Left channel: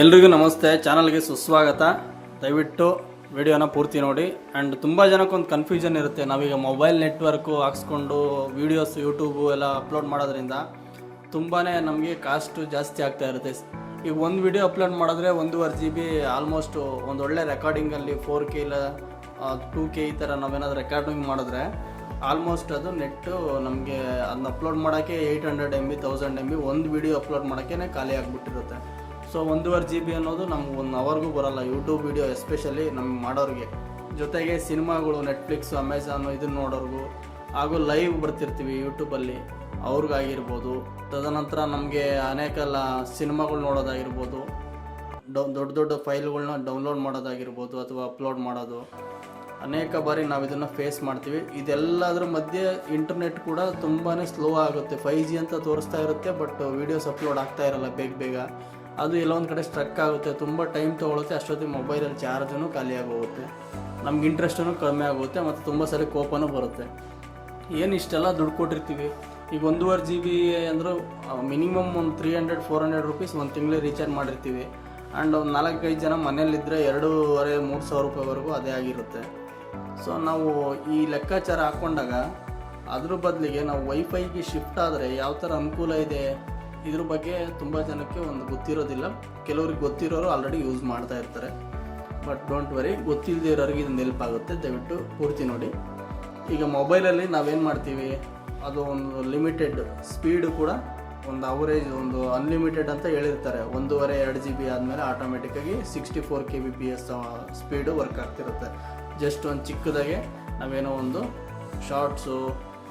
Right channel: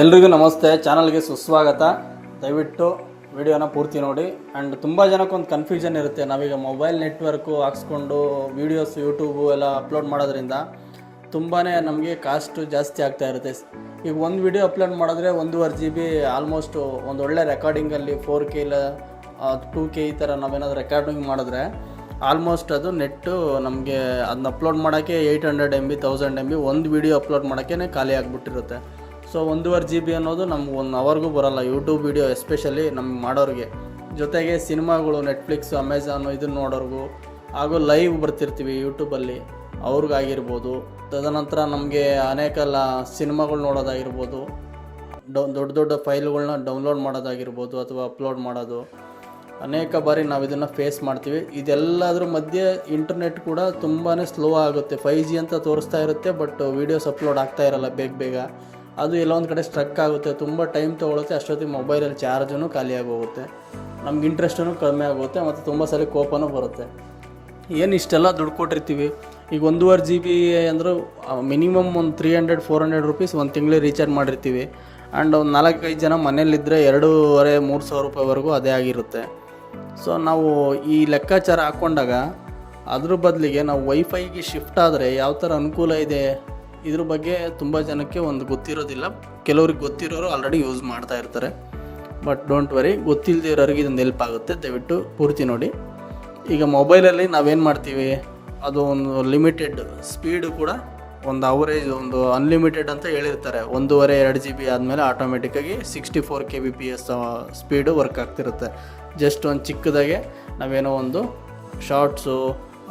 ಎಲ್ರಿಗೂ ನಮಸ್ತೆ, ಚಾನಲ್ಗೆ ಸುಸ್ವಾಗತ. ದಯವಿಟ್ಟು ವಿಡಿಯೋನ ಪೂರ್ತಿ ನೋಡಿ. ಆ್ಯಂಡ್ ತುಂಬ ಜನಕ್ಕೊಂದು ಕನ್ಫ್ಯೂಷನ್ ಇರುತ್ತೆ, ನಾವೀಗ ಮೊಬೈಲ್ ನೆಟ್ವರ್ಕು ಹಾಕ್ಸ್ಕೊಂಡು ವೀಡಿಯೋಸ್ ಯೂಟ್ಯೂಬು ಎಲ್ಲ ಅಪ್ಲೋಡ್ ಮಾಡೋದ್ರಿಂದ ತುಂಬಾ ನಮಗೆ ಕಾಸ್ಟು ಜಾಸ್ತಿ ಆಗ್ತಾ ಇರುತ್ತೆ. ಈಗ ಒಂದು ವಿಡಿಯೋ ಅಪ್ಲೋಡ್ ಮಾಡಿದ್ರೆ 1.5 GB ಆಲ್ಮೋಸ್ಟು ಒಂದು ಒಳ್ಳೆ ರೆಕಾರ್ಡಿಂಗಲ್ಲಿ 4K ಇಲ್ಲ 2K ಈ ಥರ ನಾವೇನಾದ್ರು ರೆಕಾರ್ಡಿಂಗ್ ಮಾಡಿದ್ರೆ ಆಲ್ಮೋಸ್ಟ್ ಅದು ನೆಟ್ಟು ನಮಗೆ ಅದನ್ನ ಅಪ್ಲೋಡ್ ಮಾಡೋಕ್ಕೆ 800 MB 1000 MB ಒಂದು ವಿಡಿಯೋ ಅಪ್ಲೋಡ್ ಮಾಡೋಕ್ಕೆ ಖಾಲಿ ಆಗಿಬಿಟ್ಟಿರುತ್ತೆ. ಸೊ 1.5 GB ಅನ್ನೋದು ನಮ್ಗೆ 1 ಅವರ್ಗೂ ಬರೋಲ್ಲ ಯೂಟ್ಯೂಬ್ ವಿಡಿಯೋ ಎಸ್ಪೆಷಲಿ ನಮ್ಗೆ ಮಾಡೋರಿಗೆ. ಜೊತೆಗೆ ಸಿನಿಮಾಗಳು ನೆಟ್ಫ್ಲಿಕ್ಸು ಅಮೆಝಾನು ಇದನ್ನು ನೋಡೋರ್ಗೂ ಹಾಗೂ ಲೈವ್ ಬರ್ತಿರ್ತೀವಿ ಯೂಟ್ಯೂಬಲ್ಲಿ ಅವ್ರಿಗಾಗಿರ್ಬೋದು. ತದನಂತರ ನಮಗೆ ಅನೇಕ ಸಿನಿಮಾಗಳು ನೋಡೋದಾಗಿರ್ಬೋದು, ದೊಡ್ಡ ದೊಡ್ಡ ಫೈಲ್ಗಳನ್ನ ಡೌನ್ಲೋಡ್ ಮಾಡೋದಾಗಿರ್ಬೋದು ಅಥವಾ ಅಪ್ಲೋಡ್ ಮಾಡೋದು, ಅನೇಕ ಬಾರಿ ನಾವು ಇದನ್ನು ಫೇಸ್ ಮಾಡ್ತೀವಿ. ಇದೆಲ್ಲದ್ರ ಮಧ್ಯೆ ಇಂಟರ್ನೆಟ್ ಕೂಡ ತುಂಬಾ ಸ್ಲೋ ಆಗುತ್ತೆ. 5G ಅಂತ ತೋರಿಸ್ತಾ ಇರುತ್ತೆ, ಬಟ್ ವೀಡಿಯೋಸ್ ಅಪ್ಲೋಡ್ ಆಗ್ತಾ ಇರಲ್ಲ ಬೇಗ. ಅದು ಎಲ್ಲೊಂದು ಕಡೆ ಸ್ಟ್ರಕ್ ಆಗುತ್ತೆ, ತುಂಬ ಟೈಮ್ ತೊಗೊಳುತ್ತೆ. ಅಷ್ಟೊತ್ತಿಗೆ ಮೊಬೈಲಲ್ಲಿ ಚಾರ್ಜೂ ಖಾಲಿಯಾಗಿ ಹೋಗುತ್ತೆ, ನಮ್ಗೆ ಇಂಟ್ರೆಸ್ಟೂ ಕಡಿಮೆ ಆಗುತ್ತೆ ಮತ್ತು ತುಂಬ ಸಲ ಕೋಪನೂ ಬರುತ್ತೆ. ಏನು ಇಷ್ಟೆಲ್ಲ ದುಡ್ಡು ಕೊಟ್ಟಿರ್ತೀವಿ, ಈಗ 1.5 GB ಅಂದರೂ ಮಿನಿಮಮ್ ಒಂದು 300-400 ರೂಪೀಸ್ ಒಂದು ತಿಂಗಳಿಗೆ ರೀಚಾರ್ಜ್ ಮಾಡಿರ್ತೀವಿ. ಆ್ಯಂಡ್ ಒಂದು 4-5 ಜನ ಮನೇಲಿದ್ದರೆ 2,500-3,000 ರೂಪಾಯಿವರೆಗೂ ಅದೇ ಆಗಿರುತ್ತೆ. ಸೊ ನಾವು ಈ ಲೆಕ್ಕಾಚಾರ ಹಾಕ್ಕೊಂಡಾಗ ಅದ್ರ ಬದಲಿಗೆ ನಾವು ವೈಫೈಗೆ ಶಿಫ್ಟ್ ಆದರೆ ಯಾವ ಥರ ಅನುಕೂಲ ಇದೆ ಇದ್ರ ಬಗ್ಗೆ ತುಂಬ ಜನಕ್ಕೆ ಒಂದು ಗೊತ್ತಿರೋದಿಲ್ಲ. ಕೆಲವ್ರಿಗೆ ಗೊತ್ತಿರೋರು ಆಲ್ರೆಡಿ ಯೂಸ್ ಮಾಡ್ತಾ ಇರ್ತಾರೆ, ಬಟ್ ಡೋಂಟ್ ವರಿ, ಗೊತ್ತಿಲ್ಲದಿರೋರಿಗೆ ಇದೊಂದು ಹೆಲ್ಪ್ ಆಗುತ್ತೆ. ದಯವಿಟ್ಟು ಪೂರ್ತಿ ನೋಡಿ. ಈಗ ಮೊಬೈಲಲ್ಲಿ ನಾವೇನು ಮಾಡ್ತೀವಿ, ಅದು ಒಂದು ಲಿಮಿಟೆಡ್ ಸ್ಪೀಡು ಕೂಡ ಒಂದು ಅವರೇಜ್ ಒಂದು ಅನ್ಲಿಮಿಟೆಡ್ ಅಂತ ಹೇಳಿರ್ತಾರೆ. 1.5-2 GB ಆದಮೇಲೆ ಆಟೋಮೆಟಿಕ್ಕಾಗಿ 64 kbps ಸ್ಪೀಡು ವರ್ಕ್ ಆಗ್ತಿರುತ್ತೆ. ಜಸ್ಟ್ ಒಂದು ಚಿಕ್ಕದಾಗೆ ನಾವೇನೋ ಒಂದು ಶಾರ್ಟ್ಸು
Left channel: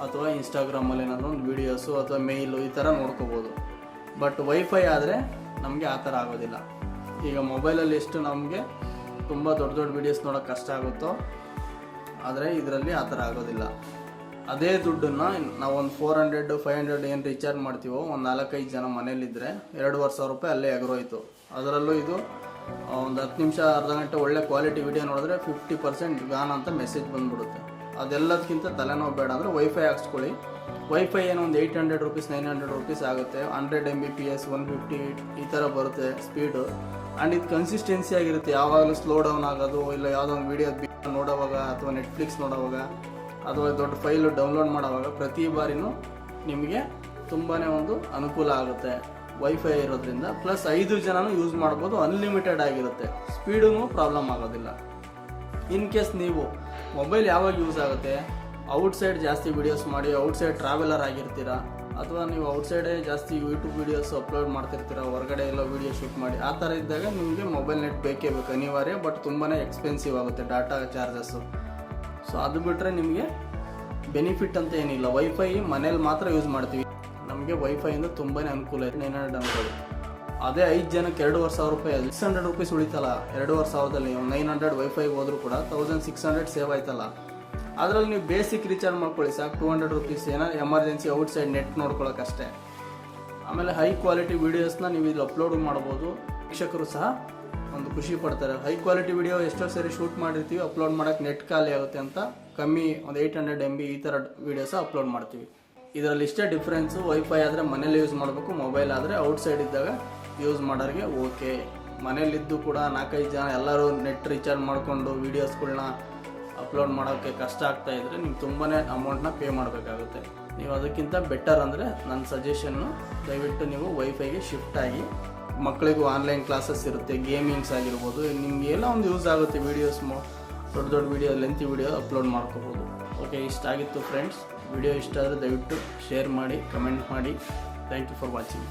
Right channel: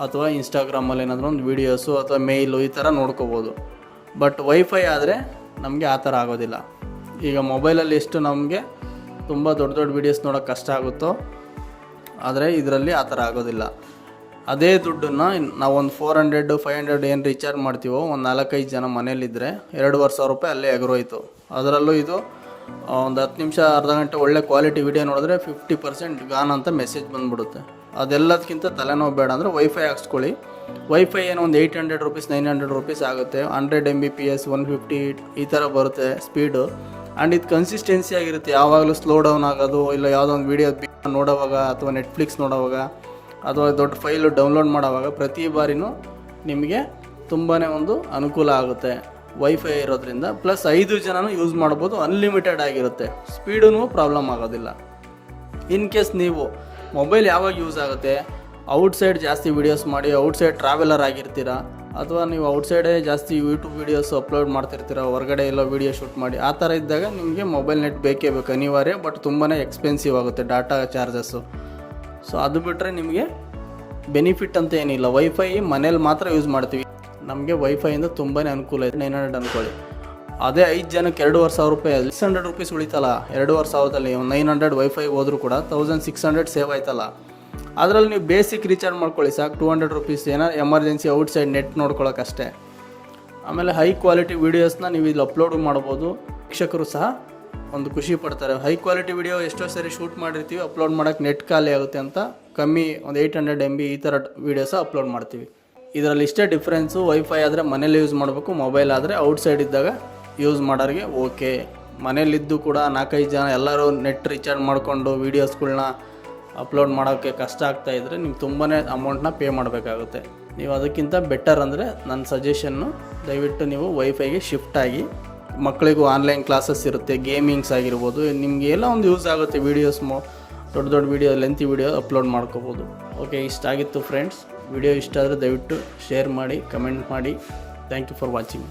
ಅಥವಾ ಇನ್ಸ್ಟಾಗ್ರಾಮಲ್ಲಿ ಏನಾದರೂ ಒಂದು ವೀಡಿಯೋಸು ಅಥವಾ ಮೇಯ್ಲು ಈ ಥರ ನೋಡ್ಕೋಬೋದು. ಬಟ್ ವೈಫೈ ಆದರೆ ನಮಗೆ ಆ ಥರ ಆಗೋದಿಲ್ಲ. ಈಗ ಮೊಬೈಲಲ್ಲಿ ಎಷ್ಟು ನಮಗೆ ತುಂಬ ದೊಡ್ಡ ವೀಡಿಯೋಸ್ ನೋಡೋಕ್ಕೆ ಕಷ್ಟ ಆಗುತ್ತೋ, ಆದರೆ ಇದರಲ್ಲಿ ಆ ಥರ ಆಗೋದಿಲ್ಲ. ಅದೇ ದುಡ್ಡನ್ನು ನಾವು ಒಂದು 400-500 ಏನು ರೀಚಾರ್ಜ್ ಮಾಡ್ತೀವೋ, ಒಂದು 4-5 ಜನ ಮನೇಲಿದ್ದರೆ 2,500 ರೂಪಾಯಿ ಅಲ್ಲೇ ಎಗರೋಯ್ತು. ಅದರಲ್ಲೂ ಇದು ಒಂದು 10 ನಿಮಿಷ ಅರ್ಧ ಗಂಟೆ ಒಳ್ಳೆ ಕ್ವಾಲಿಟಿ ವಿಡಿಯೋ ನೋಡಿದ್ರೆ 50% ಗಾನ್ ಅಂತ ಮೆಸೇಜ್ ಬಂದುಬಿಡುತ್ತೆ. ಅದೆಲ್ಲದಕ್ಕಿಂತ ತಲೆನೋವು ಬೇಡ ಅಂದರೆ ವೈಫೈ ಹಾಕ್ಸ್ಕೊಳ್ಳಿ. ವೈಫೈ ಏನೋ ಒಂದು 800 ರೂಪೀಸ್ 900 ರೂಪೀಸ್ ಆಗುತ್ತೆ. 100 Mbps 150 ಈ ಥರ ಬರುತ್ತೆ ಸ್ಪೀಡು. ಆ್ಯಂಡ್ ಇದು ಕನ್ಸಿಸ್ಟೆನ್ಸಿ ಆಗಿರುತ್ತೆ, ಯಾವಾಗಲೂ ಸ್ಲೋ ಡೌನ್ ಆಗೋದು ಇಲ್ಲ. ಯಾವುದೋ ಒಂದು ವೀಡಿಯೋ ನೋಡೋವಾಗ ಅಥವಾ ನೆಟ್ಫ್ಲಿಕ್ಸ್ ನೋಡೋವಾಗ ಅಥವಾ ದೊಡ್ಡ ಫೈಲು ಡೌನ್ಲೋಡ್ ಮಾಡೋವಾಗ ಪ್ರತಿ ಬಾರಿನೂ ನಿಮಗೆ ತುಂಬಾ ಒಂದು ಅನುಕೂಲ ಆಗುತ್ತೆ ವೈಫೈ ಇರೋದ್ರಿಂದ. ಪ್ಲಸ್ 5 ಜನನೂ ಯೂಸ್ ಮಾಡ್ಬೋದು, ಅನ್ಲಿಮಿಟೆಡ್ ಆಗಿರುತ್ತೆ, ಸ್ಪೀಡೂ ಪ್ರಾಬ್ಲಮ್ ಆಗೋದಿಲ್ಲ. ಇನ್ ಕೇಸ್ ನೀವು ಮೊಬೈಲ್ ಯಾವಾಗ ಯೂಸ್ ಆಗುತ್ತೆ, ಔಟ್ಸೈಡ್ ಜಾಸ್ತಿ ವೀಡಿಯೋಸ್ ಮಾಡಿ ಔಟ್ಸೈಡ್ ಟ್ರಾವೆಲರ್ ಆಗಿರ್ತೀರ, ಅಥವಾ ನೀವು ಔಟ್ಸೈಡೇ ಜಾಸ್ತಿ ಯೂಟ್ಯೂಬ್ ವೀಡಿಯೋಸ್ ಅಪ್ಲೋಡ್ ಮಾಡ್ತಿರ್ತೀರ, ಹೊರಗಡೆ ಎಲ್ಲ ವೀಡಿಯೋ ಶೂಟ್ ಮಾಡಿ, ಆ ಥರ ಇದ್ದಾಗ ನಿಮಗೆ ಮೊಬೈಲ್ ನೆಟ್ ಬೇಕೇ ಬೇಕು, ಅನಿವಾರ್ಯ. ಬಟ್ ತುಂಬಾ ಎಕ್ಸ್ಪೆನ್ಸಿವ್ ಆಗುತ್ತೆ ಡಾಟಾ ಚಾರ್ಜಸ್ಸು. ಸೊ ಅದು ಬಿಟ್ಟರೆ ನಿಮಗೆ ಬೆನಿಫಿಟ್ ಅಂತ ಏನಿಲ್ಲ. ವೈಫೈ ಮನೇಲಿ ಮಾತ್ರ ಯೂಸ್ ಮಾಡ್ತೀವಿ, ನಮಗೆ ವೈಫೈಯಿಂದ ತುಂಬಾ ಅನುಕೂಲ ಇದೆ. 900 ಅಂದ್ಕೊಳ್ಳಿ, ಅದೇ 5 ಜನಕ್ಕೆ 2,500 ರೂಪಾಯಿ 600 ರೂಪೀಸ್ ಉಳಿತಲ್ಲ. 2,500ದಲ್ಲಿ 900 ವೈಫೈಗೆ ಹೋದರೂ ಕೂಡ 1,600 ಸೇವ್ ಆಯ್ತಲ್ಲ. ಅದರಲ್ಲಿ ನೀವು ಬೇಸಿಕ್ ರೀಚಾರ್ಜ್ ಮಾಡ್ಕೊಳ್ಳಿ ಸಾಕು, 200 ರೂಪೀಸ್. ಏನೋ ಎಮರ್ಜೆನ್ಸಿ ಔಟ್ಸೈಡ್ ನೆಟ್ ನೋಡ್ಕೊಳ್ಳೋಕ್ಕಷ್ಟೇ. ಆಮೇಲೆ ಹೈ ಕ್ವಾಲಿಟಿ ವೀಡಿಯೋಸ್ನ ನೀವು ಇಲ್ಲಿ ಅಪ್ಲೋಡ್ ಮಾಡ್ಬೋದು. ವೀಕ್ಷಕರು ಸಹ ಒಂದು ಖುಷಿ ಪಡ್ತಾರೆ. ಹೈ ಕ್ವಾಲಿಟಿ ವೀಡಿಯೋ ಎಷ್ಟೋ ಸರಿ ಶೂಟ್ ಮಾಡಿರ್ತೀವಿ, ಅಪ್ಲೋಡ್ ಮಾಡೋಕ್ಕೆ ನೆಟ್ ಖಾಲಿ ಆಗುತ್ತೆ ಅಂತ ಕಮ್ಮಿ ಒಂದು 800 MB ಈ ಥರ ವೀಡಿಯೋಸ ಅಪ್ಲೋಡ್ ಮಾಡ್ತೀವಿ. ಇದರಲ್ಲಿ ಇಷ್ಟೇ ಡಿಫ್ರೆನ್ಸು. ವೈಫೈ ಆದರೆ ಮನೇಲಿ ಯೂಸ್ ಮಾಡಬೇಕು, ಮೊಬೈಲ್ ಆದರೆ ಔಟ್ಸೈಡ್ ಇದ್ದಾಗ ಯೂಸ್ ಮಾಡೋರಿಗೆ ಓಕೆ. ಮನೇಲಿದ್ದು ಕೂಡ 4-5 ಜನ ಎಲ್ಲರೂ ನೆಟ್ ರೀಚಾರ್ಜ್ ಮಾಡಿಕೊಂಡು ವೀಡಿಯೋಸ್ಗಳ್ನ ಅಪ್ಲೋಡ್ ಮಾಡೋಕ್ಕೆ ಕಷ್ಟ ಆಗ್ತಾಯಿದ್ರೆ ನೀವು ತುಂಬಾ ಅಮೌಂಟ್ನ ಪೇ ಮಾಡಬೇಕಾಗುತ್ತೆ. ನೀವು ಅದಕ್ಕಿಂತ ಬೆಟರ್ ಅಂದರೆ ನನ್ನ ಸಜೆಷನ್ನು, ದಯವಿಟ್ಟು ನೀವು ವೈಫೈಗೆ ಶಿಫ್ಟ್ ಆಗಿ. ಮಕ್ಕಳಿಗೂ ಆನ್ಲೈನ್ ಕ್ಲಾಸಸ್ ಇರುತ್ತೆ, ಗೇಮಿಂಗ್ಸ್ ಆಗಿರ್ಬೋದು, ನಿಮಗೆ ಎಲ್ಲ ಒಂದು ಯೂಸ್ ಆಗುತ್ತೆ. ವೀಡಿಯೋಸ್ ದೊಡ್ಡ ವೀಡಿಯೋ ಲೆಂತಿ ವೀಡಿಯೋ ಅಪ್ಲೋಡ್ ಮಾಡ್ಕೋಬೋದು. ಓಕೆ, ಇಷ್ಟ ಆಗಿತ್ತು ಫ್ರೆಂಡ್ಸ್. ವಿಡಿಯೋ ಇಷ್ಟ ಆದರೆ ದಯವಿಟ್ಟು ಶೇರ್ ಮಾಡಿ, ಕಮೆಂಟ್ ಮಾಡಿ. Thank you for watching.